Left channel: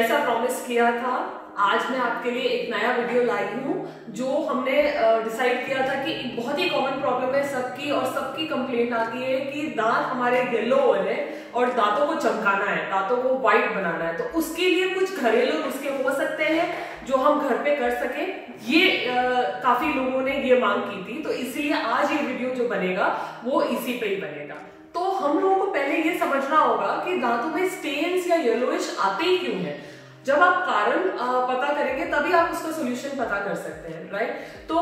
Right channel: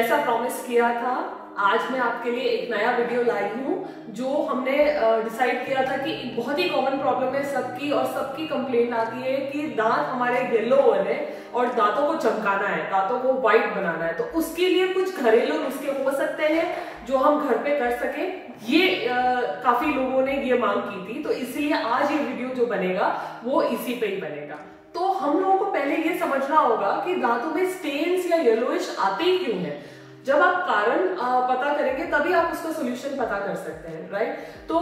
जैसा प्रॉमिस किया था, आज मैं आपके लिए एक नया वीडियो लाई हूँ। जो हमने डिसाइड किया था कि एक बहुत ही कॉमन प्रॉब्लम है सबकी, और सबकी कंप्लेंट आती है कि दांत हमारे येलो हो रहे हैं और दांतों को चमकाना है, दांतों को व्हाइट बनाना है। तो उसके लिए कुछ घरेलू नुस्खे हो सकते हैं जो हम घर पे कर सके। ये काफी लोगों ने ये मांग की थी, तो इसीलिए आज ये वीडियो जो बनेगा वो इसी पे ही बनेगा। तो हम लोगों को पहले ये समझना होगा कि दांतों में स्टेन्स या येलोइश आते ही क्यों है। जब आप कारण पता करेंगे तभी आप उसका सॉल्यूशन पता कर सकते हैं, राइट। तो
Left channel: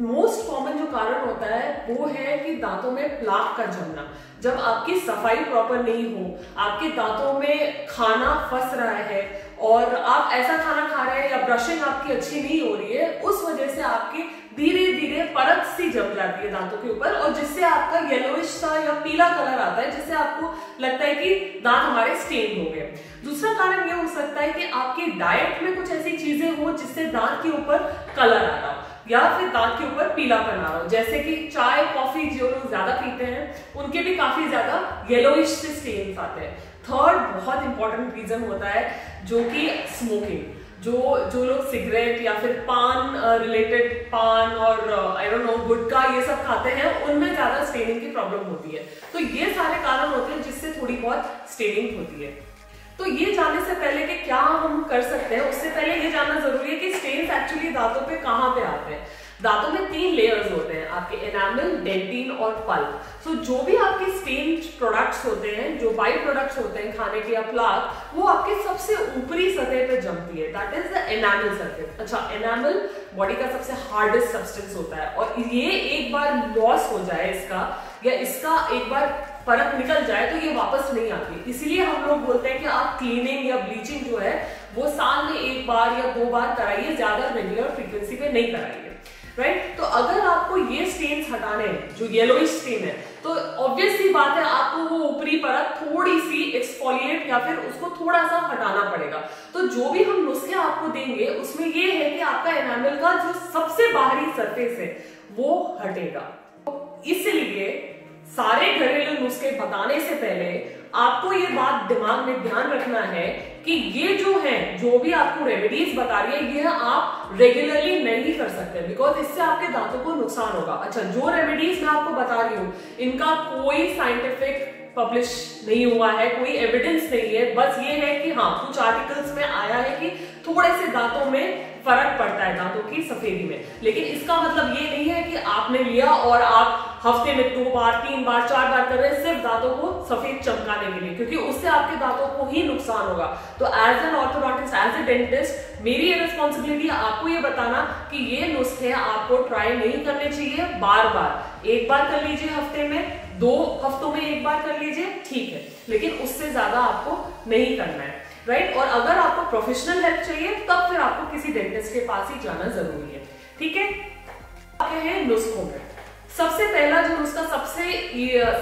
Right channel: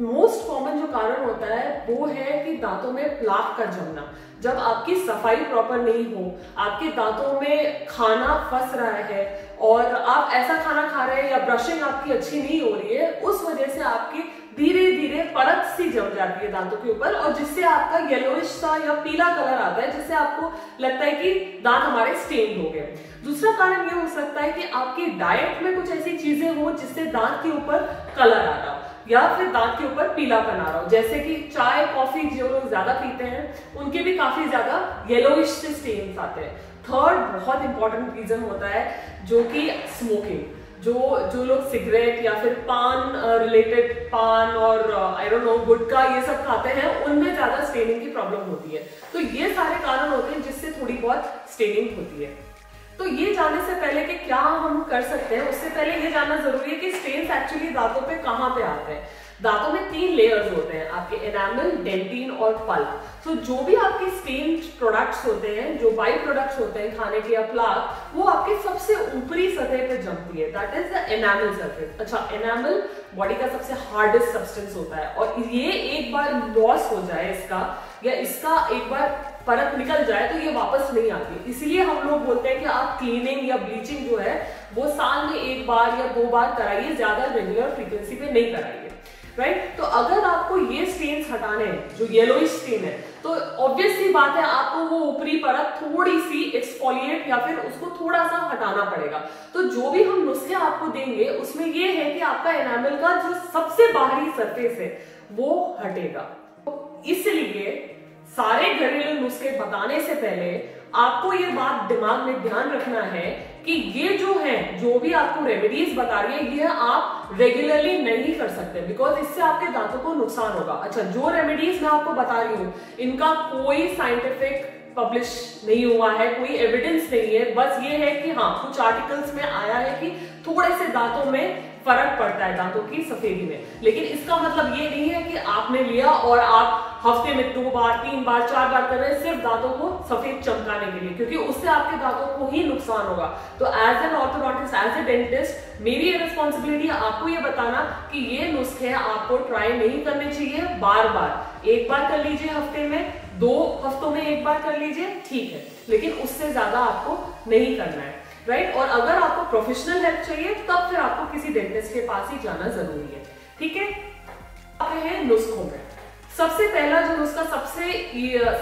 मोस्ट कॉमन जो कारण होता है वो है कि दांतों में प्लाक का जमना। जब आपकी सफाई प्रॉपर नहीं हो, आपके दांतों में खाना फंस रहा है और आप ऐसा खाना खा रहे हैं या ब्रशिंग आपकी अच्छी नहीं हो रही है, उस वजह से आपकी धीरे धीरे परत सी जम जाती है दांतों के ऊपर, और जिससे आपका येलोइश सा या पीला कलर आता है, जिससे आपको लगता है कि दांत हमारे स्टेन हो गए। दूसरा कारण ये हो सकता है कि आपकी डाइट में कुछ ऐसी चीजें हो जिससे दांत के ऊपर कलर आ रहा हो या फिर दांत के ऊपर पीलापन आ रहा हो, जैसे कि चाय कॉफी जो लोग ज्यादा पीते हैं उनके भी काफी ज्यादा येलोइश से स्टेन्स आते हैं। थर्ड बहुत इंपॉर्टेंट रीजन होता है जो कि स्मोकिंग। जो लोग सिगरेट या फिर पान रिलेटेड पान और आई डोंट नो गुटखा ये सब खाते हैं, उनमें ज्यादा स्टेनिंग की प्रॉब्लम होती है। तो ये सारे कारण होते हैं जिससे थोड़ी बहुत स्टेनिंग होती है। तो ये जानने से पहले कि क्या हम कर सकते हैं, उससे पहले ये जानना जरूरी है कि स्टेन्स एक्चुअली दांतों पे कहाँ पे आते हैं। दांतों में 3 लेयर्स होते हैं, आपके एनामल, डेंटिन और पल्प। तो जो भी आपके स्टेन्ड प्रोडक्ट्स होते हैं, जो बाई प्रोडक्ट्स होते हैं खाने के या प्लाक, वो आपके सबसे ऊपरी सतह पे जमती है, that is the enamel surface. अच्छा, एनामल बॉडी का सबसे हार्डेस्ट सब्सटेंस होता है, और ये एक बार लॉस हो जाए इसका, या इसका एक बार परत निकल जाए तो ये वापस नहीं आती। इसीलिए हम लोग बोलते हैं कि आप क्लीनिंग या ब्लीचिंग जो है वो साल में 1 बार या 2 बार कराइए, ज्यादा रेगुलर फ्रीक्वेंसी पे नहीं कराइए, राइट। तो अगर आपको ये स्टेन्स हटाने हैं, जो येलोइश स्टेन है, तो ऑब्वियस सी बात है आपको वो ऊपरी परत थोड़ी सी एक्सफोलिएट या फिर उसको थोड़ा सा हटाना पड़ेगा। तो जो भी हम नुस्खे आपको देंगे उसमें ये है कि आपका एनामल का जो सबसे बाहरी सरफेस है वो हटेगा। इसलिए सारे घरेलू नुस्खे बताने से पहले आपको ये बात दिमाग में ध्यान रखना है कि ये जो है, जो भी आपको रेमेडीज बता रही है, ये आप रेगुलरली नहीं कर सकते, बिकॉज इससे आपके दांतों को नुकसान होगा। अच्छा, जो रेमेडीज मैं आपको बता रही हूँ इनका कोई साइंटिफिक पब्लिश नहीं हुआ है, कोई एविडेंस नहीं है। बस ये है कि हाँ, कुछ आर्टिकल्स में आया है कि थोड़े से दांतों में फर्क पड़ता है दांतों की सफेदी में, लेकिन इसका मतलब ये नहीं है कि आपने लिया और आप हफ्ते में 2 बार 3 बार 4 बार कर रहे हैं सिर्फ दांतों को सफेद चमकाने के लिए, क्योंकि उससे आपके दांतों को ही नुकसान होगा। तो as an orthodontist, as a dentist, मेरी ये रिस्पॉन्सिबिलिटी है आपको ये बताना कि ये नुस्खे आपको ट्राई नहीं करने चाहिए बार बार। 1 बार कर लीजिए हफ्ते में, 2 हफ्तों में 1 बार कर लीजिए, ठीक है, लेकिन उससे ज्यादा आपको नहीं करना है, राइट। और अगर आपको प्रोफेशनल हेल्प चाहिए तब फिर आपको किसी डेंटिस्ट के पास ही जाना जरूरी है, ठीक है। आगे है नुस्खों में। सबसे पहला जो नुस्खा सबसे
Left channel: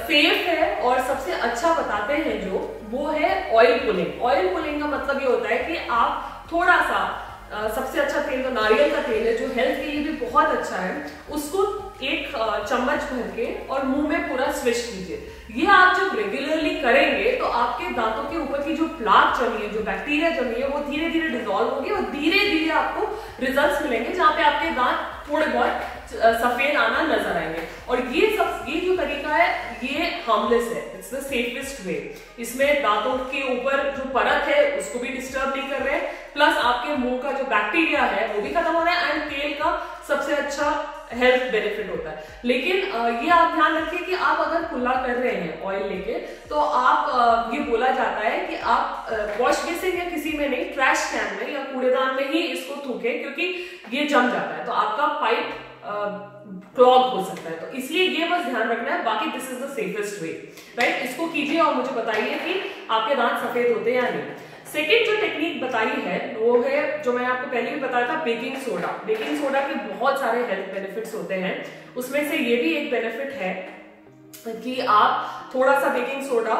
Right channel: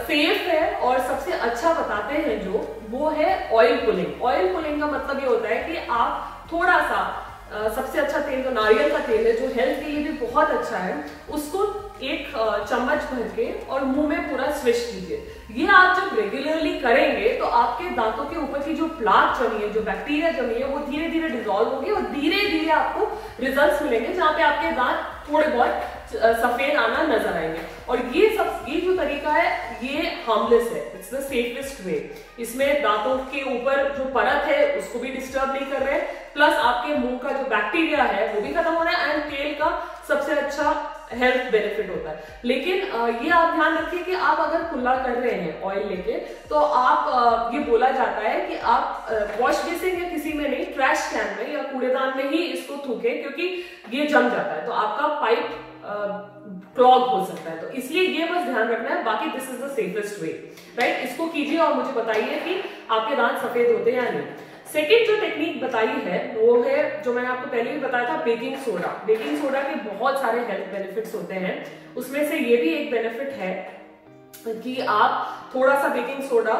सेफ है और सबसे अच्छा बताते हैं जो, वो है ऑयल पुलिंग। ऑयल पुलिंग का मतलब ये होता है कि आप थोड़ा सा सबसे अच्छा तेल तो नारियल का तेल है, जो हेल्थ के लिए भी बहुत अच्छा है, उसको 1 चम्मच भर के और मुंह में पूरा स्विश कीजिए। ये आप जब रेगुलरली करेंगे तो आपके दांतों के ऊपर की जो प्लाक जमी है, जो बैक्टीरिया जमी है, वो धीरे धीरे डिसॉल्व होगी और धीरे धीरे आपको रिजल्ट्स मिलेंगे जहां पे आपके दांत थोड़े बहुत सफेद आना नजर आएंगे। और ये जो तरीका है ये हार्मलेस है, इट्स द सेफेस्ट वे। इसमें दांतों के ऊपर जो परत है उसको भी डिस्टर्ब नहीं कर रहे, प्लस आपके मुंह का जो बैक्टीरिया है वो भी खत्म हो रहा है, एंड तेल का सबसे अच्छा हेल्थ बेनिफिट होता है। लेकिन ये आप ध्यान रखिए कि आप अगर कुल्ला कर रहे हैं ऑयल लेके, तो आप ये बोला जाता है कि आप वॉश बेसिन या किसी में नहीं, ट्रैश कैन में या कूड़ेदान में ही इसको थूकें, क्योंकि ये जम जाता है तो आपका पाइप क्लॉग हो सकता है। तो इसलिए ये बस ध्यान रखना है, बाकी this is the safest way, right. इसको कीजिए और मुझे बताइए कि आपके दांत सफेद होते हैं या नहीं। सेकेंड जो टेक्निक बताई है वो है, जो मैंने आपको पहले भी बताया था, बेकिंग सोडा। बेकिंग सोडा के बहुत सारे हेल्थ बेनिफिट्स होते हैं, उसमें से ये भी एक बेनिफिट है कि आप थोड़ा सा बेकिंग सोडा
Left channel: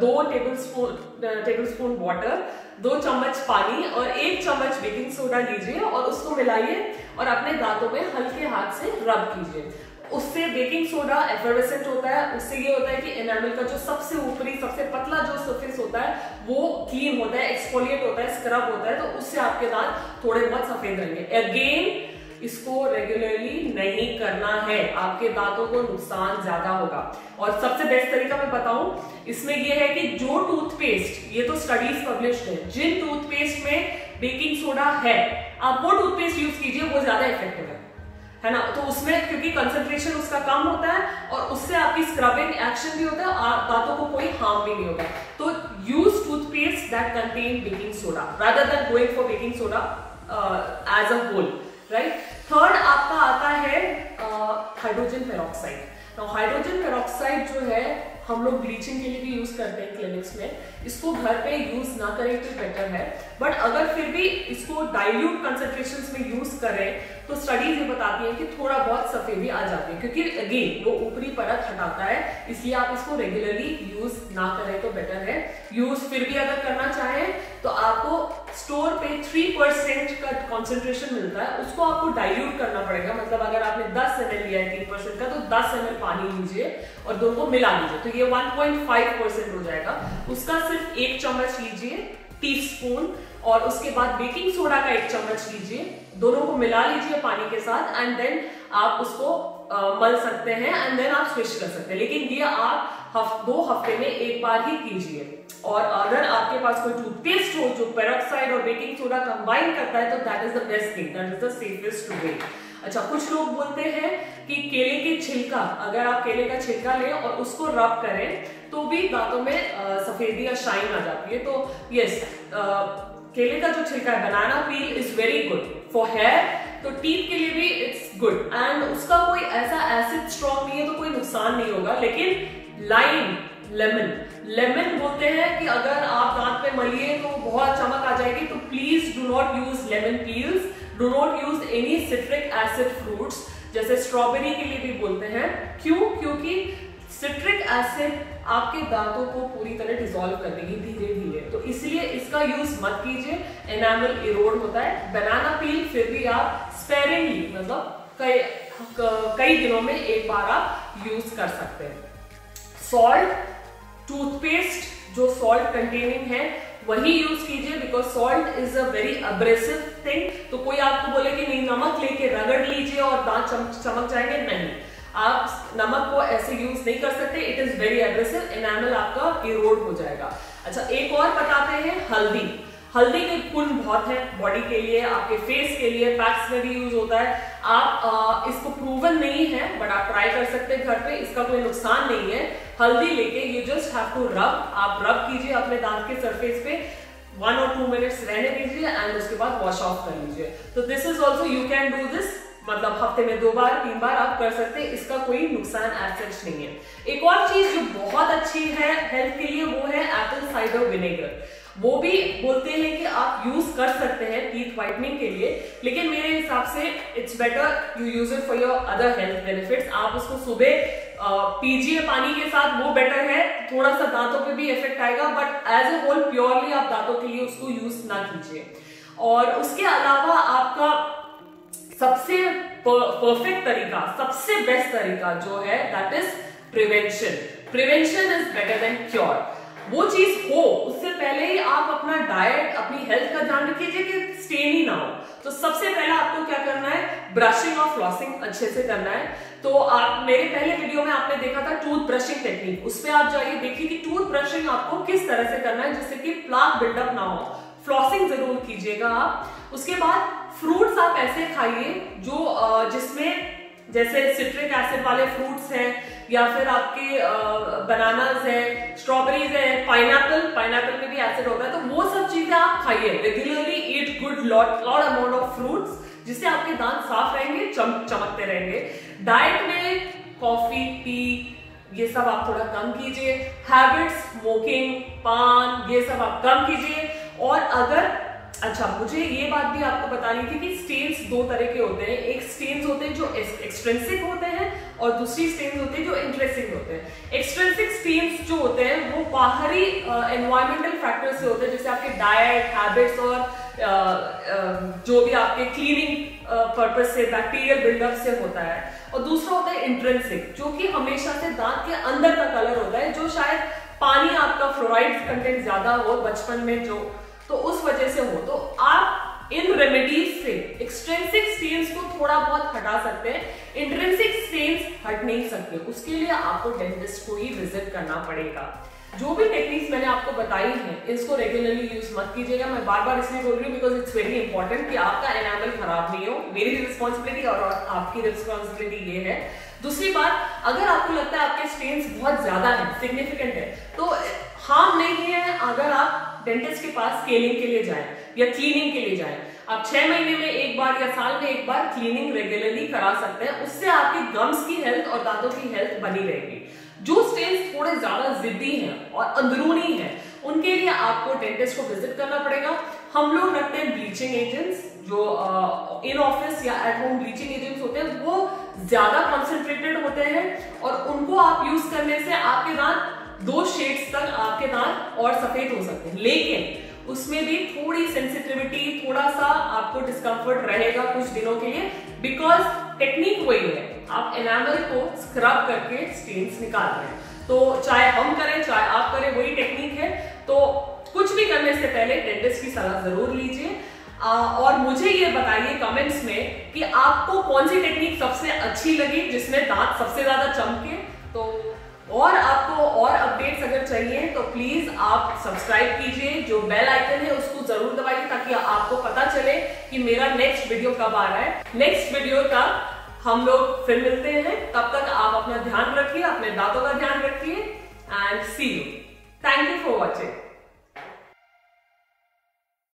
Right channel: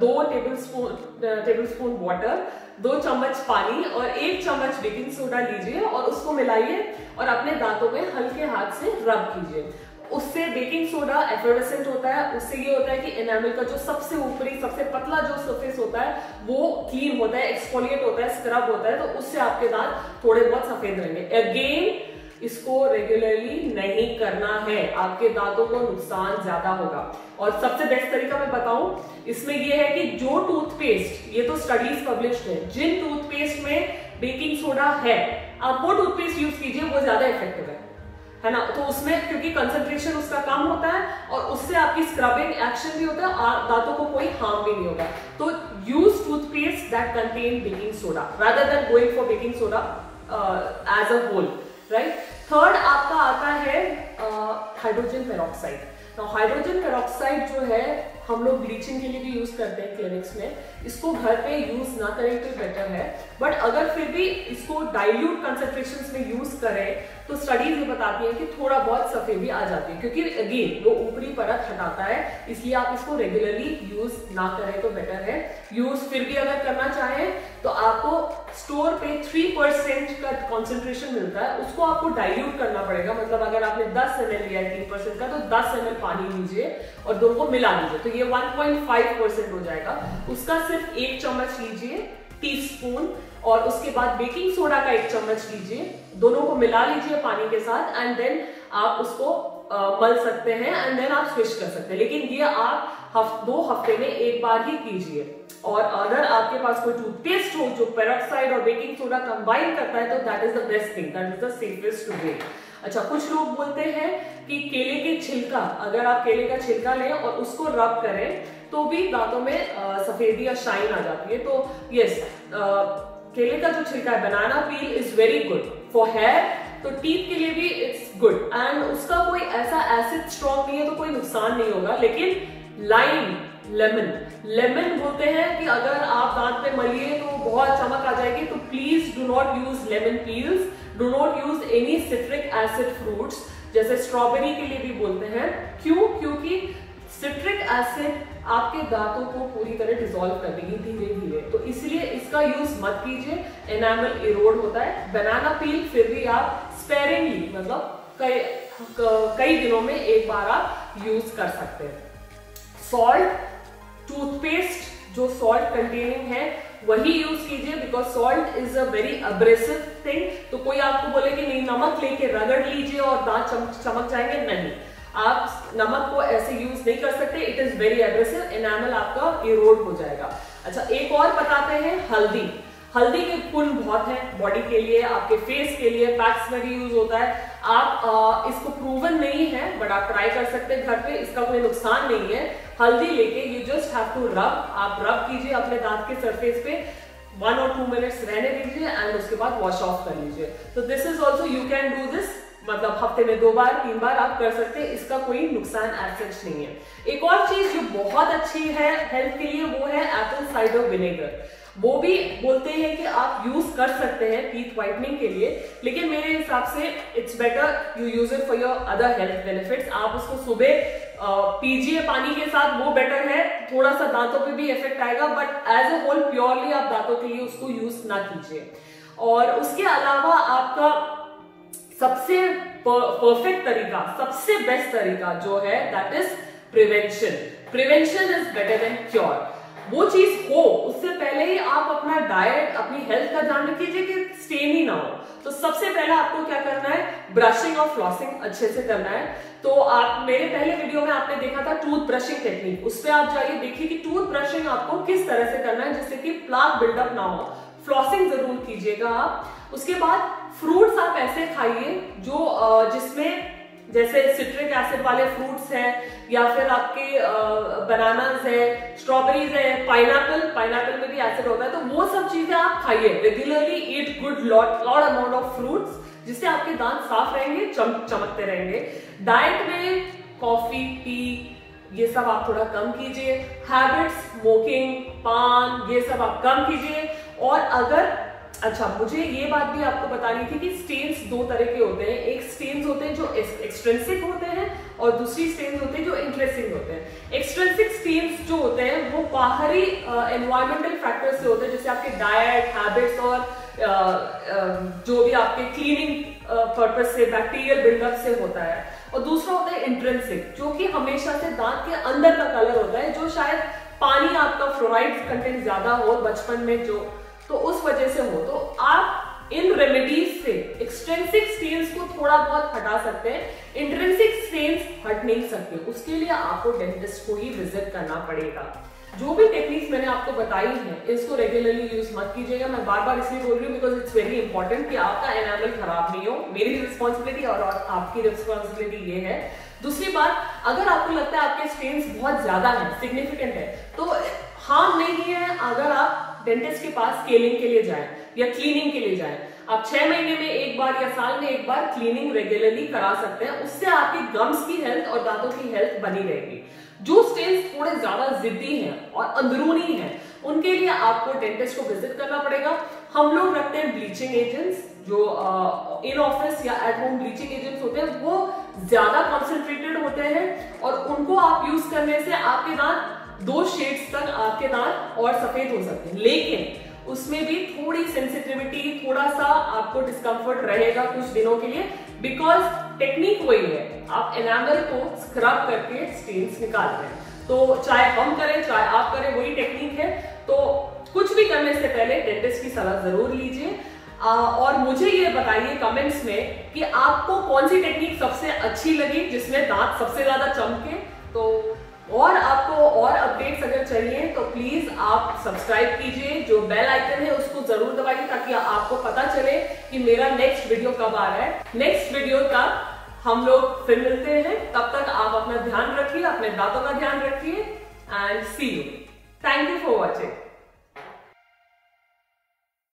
2 टेबलस्पून वाटर, 2 चम्मच पानी और 1 चम्मच बेकिंग सोडा लीजिए और उसको मिलाइए और अपने दांतों में हल्के हाथ से रब कीजिए। उससे बेकिंग सोडा एफर्वेसेंट होता है, उससे ये होता है कि एनामल का जो सबसे ऊपरी सबसे पतला जो सरफेस होता है वो क्लीन होता है, एक्सफोलिएट होता है, स्क्रब होता है, तो उससे आपके दांत थोड़े बहुत सफेद रहेंगे। अगेन इसको रेगुलरली नहीं करना है, आपके दांतों को नुकसान ज्यादा होगा। और सबसे बेस्ट तरीका मैं बताऊं इसमें ये है कि जो टूथपेस्ट, ये तो स्टडीज पब्लिश्ड है, जिन टूथपेस्ट में बेकिंग सोडा है आप वो टूथपेस्ट यूज कीजिए, वो ज्यादा इफेक्टिव है ना। तो उसमें क्योंकि कंसंट्रेशन उसका कम होता है और उससे आपकी स्क्रबिंग एक्शन भी होता है और दांतों को कोई हार्म भी नहीं होगा। तो use toothpaste that contain baking soda rather than going for baking soda as a whole, right. Third आपका आता है हाइड्रोजन पेरोक्साइड। तो हाइड्रोजन पेरोक्साइड जो है हम लोग ब्लीचिंग के लिए भी यूज करते हैं क्लिनिक्स में, इसको घर पे यूज ना करें तो बेटर है, बट अगर फिर भी इसको डाइल्यूट कंसेंट्रेशंस में यूज करें तो स्टडीज ये बताती हैं कि थोड़ा बहुत सफेदी आ जाती है, क्योंकि अगेन वो ऊपरी परत हटाता है, इसलिए आप इसको रेगुलरली यूज ना करें तो बेटर है। यूज फिर भी अगर करना चाहें तो आपको स्टोर पे 3% का कॉन्सेंट्रेशन मिलता है, उसको आपको डाइल्यूट करना पड़ेगा। मतलब अगर आपने 10 ml लिया है 3% का तो 10 ml पानी लीजिए और दोनों को मिला लीजिए, तो ये 1.5% हो जाएगा। उसका सिर्फ 1 चम्मच लीजिए टीस्पून, और उसके बाद बेकिंग सोडा का 1 चम्मच लीजिए, दोनों को मिला लीजिए पानी के साथ, एंड देन आप उसको मल सकते हैं एंड देन आप स्विच कर सकते हैं। लेकिन ये आप 2 हफ्ते में एक बार ही कीजिए। और अगर आपके पास कोई टूथपेस्ट हो जो पेरोक्साइड और बेकिंग सोडा कंबाइन करता है तो that is the best thing, that is the safest way. अच्छा, कुछ लोग बोलते हैं कि केले के छिलका, अगर आप केले का छिलका लें और उसको रब करें तो भी दांतों में सफेदी या शाइन आ जाती है। तो यस, केले का जो छिलका है, banana peel is very good for hair, तो टीथ के लिए भी इट्स गुड, एंड उसका कोई ऐसा एसिड स्ट्रॉन्ग नहीं है तो कोई नुकसान नहीं होगा। लेकिन लाइम, लेमन बोलते हैं कि अगर आप दांत पे मलिए तो बहुत चमक आ जाएगी, तो please do not use lemon peels, do not use any citric acid fruits, जैसे स्ट्रॉबेरी के लिए भी बोलते हैं। क्यों? क्योंकि सिट्रिक एसिड आपके दांतों को पूरी तरह डिसॉल्व कर देगी धीरे धीरे, तो इसलिए इसका यूज मत कीजिए, एनामल इरोड होता है। बनाना पील फिर भी आप स्पेरिंगली, मतलब कई दिनों में एक बार आप यूज कर सकते हैं। सॉल्ट, टूथपेस्ट जो सॉल्ट कंटेनिंग है वही यूज कीजिए, because salt is a very abrasive thing. तो कोई आपको बोले कि नहीं नमक लेके रगड़ लीजिए और दांत चमक जाएंगे, नहीं, आप नमक को ऐसे यूज नहीं कर सकते, it is very aggressive, enamel आपका इरोड हो जाएगा। अच्छा, एक और बताते हैं हल्दी। हल्दी के गुण बहुत है बॉडी के लिए, आपके फेस के लिए, पैक्स में भी यूज होता है। आप इसको प्रूवन नहीं है बट आप ट्राई कर सकते हैं घर पे, इसका कोई नुकसान नहीं है। हल्दी लेके you just have to rub, आप रब कीजिए अपने दांत के सरफेस पे, 1 और 2 मिनट्स रहने दीजिए एंड उसके बाद वॉश ऑफ कर लीजिए। तो this is also you can do this, मतलब हफ्ते में 2 बार 3 बार आप कर सकते हैं, इसका कोई नुकसान एज सच नहीं है। एक और चीज जो बहुत अच्छी है हेल्थ के लिए वो है एप्पल साइडर विनेगर। वो भी बोलते हैं कि आप यूज कर सकते हैं टीथ व्हाइटनिंग के लिए, लेकिन मेरे हिसाब से it's better you use it for your other health benefits. आप उसको सुबह पीजिए पानी के साथ, वो बेटर है, थोड़ा सा दांतों पे भी इफेक्ट आएगा, but as a whole purely आप दांतों के लिए उसको यूज ना कीजिए। और उसके अलावा आपका सबसे परफेक्ट तरीका, सबसे बेस्ट तरीका जो है that is prevention. Prevention is better than cure. वो चीज हो उससे पहले ही आप अपना डाइट, अपनी हेल्थ का ध्यान रखिए कि स्टेन ही ना हो। तो सबसे पहले आपको क्या करना है, ब्रशिंग और फ्लॉसिंग अच्छे से करना है। तो आप मेरे पहले वीडियो में आपने देखा था टूथ ब्रशिंग टेक्निक, उस पर आप जाइए, देखिए कि टूथ ब्रशिंग आपको किस तरह से करना है जिससे कि प्लाक बिल्डअप ना हो। फ्लॉसिंग जरूर कीजिएगा आप। उसके बाद फ्रूट्स आप ऐसे खाइए जो जिसमें जैसे सिट्रिक एसिड वाले फ्रूट्स हैं, या फिर आपके बनानास है, स्ट्रॉबेरीज है, पाइनएप्पल में भी एसिड होता है, तो वो सब चीजें आप खाइए। Regularly eat good lot amount of fruits, जिससे आपके दांत साफ रहेंगे, चमकते रहेंगे। डाइट में कॉफी, टी, ये सब आप थोड़ा कम कीजिए। हैबिट्स, स्मोकिंग, पान, ये सब आप कम कीजिए। और अगर अच्छा, मुझे ये बात भी आपको बतानी थी कि स्टेन्स 2 तरह के होते हैं। एक स्टेन्स होते हैं जो एक्सट्रिंसिक होते हैं और दूसरी स्टेन्स होते हैं जो इंट्रिंसिक होते हैं। एक्सट्रिंसिक स्टेन्स जो होते हैं वो बाहरी एनवायरमेंटल फैक्टर्स से होते हैं, जैसे आपके डाइट, हैबिट्स और जो भी आपके क्लीनिंग पर्पस से बैक्टीरियल बिल्डअप से होता है, और दूसरा होता है इंट्रिंसिक, जो कि हमेशा से दांत के अंदर का कलर होता है, जो शायद पानी आपका फ्लोराइड कंटेंट ज्यादा हो बचपन में जो, तो उस वजह से हो। तो आप इन रेमेडीज से एक्सट्रिंसिक स्टेन्स को थोड़ा बहुत हटा सकते हैं, इंट्रिंसिक स्टेन्स हट नहीं सकते। उसके लिए आपको डेंटिस्ट को ही विजिट करना पड़ेगा। जो भी टेक्निक्स मैंने आपको बताई हैं, इसको रेगुलरली यूज मत कीजिएगा। मैं बार बार इसलिए बोल रही हूँ बिकॉज इट्स वेरी इंपॉर्टेंट कि आपका एनामल खराब नहीं हो। मेरी रिस्पॉन्सिबिलिटी और आपकी रिस्पॉन्सिबिलिटी ये है। दूसरी बात, अगर आपको लगता है आपके स्टेन्स बहुत ज्यादा है, सिग्निफिकेंट है, तो हार्म नहीं है अगर आप डेंटिस्ट के पास स्केलिंग के लिए जाएं या क्लीनिंग के लिए जाएं। आप 6 महीने में एक बार या साल में एक बार क्लीनिंग रेगुलरली करा सकते हैं। उससे आपके गम्स की हेल्थ और दांतों की हेल्थ बनी रहेगी। जो स्टेन्स थोड़े ज्यादा जिद्दी हैं और अंदरूनी हैं, उनके लिए आपको डेंटिस्ट को विजिट करना पड़ेगा। हम लोग रखते हैं ब्लीचिंग एजेंट्स, जो इन ऑफिस या एट होम ब्लीचिंग एजेंट्स होते हैं, वो ज्यादा कॉन्सेंट्रेटेड होते हैं और उनको आप यूज करने से आपके दांत 2 शेड्स तक आपके दांत और सफेद हो सकते हैं, लेकिन उसमें भी थोड़ी सेंसिटिविटी, थोड़ा सा आपको डिस्कंफर्ट रहेगा कुछ दिनों के लिए, बिकॉज टेक्निक वही है, आप एनामल को स्क्रब करके स्टेन्स निकाल रहे हैं। तो चाहे हम करें चाहे आप करें, वही टेक्निक है। तो कुछ भी करने से पहले डेंटिस्ट की सलाह जरूर लीजिए। और मुझे ये बताइए कमेंट्स में कि आपको कौन सी टेक्निक सबसे अच्छी लगी, जिसमें दांत सबसे ज्यादा चमके। तो और आपको और अपडेट्स अगर चाहिए तो प्लीज आप सब्सक्राइब कीजिए, जो बेल आइकन है उसको जरूर दबाइए, ताकि आपको पता चले कि मेरा नेक्स्ट वीडियो कब आ रहा है। नेक्स्ट वीडियो तक हम लोग फिर मिलते हैं। तब तक आप अपना ध्यान रखिए, अपने दांतों का ध्यान रखिए, and see you. Thank you for watching.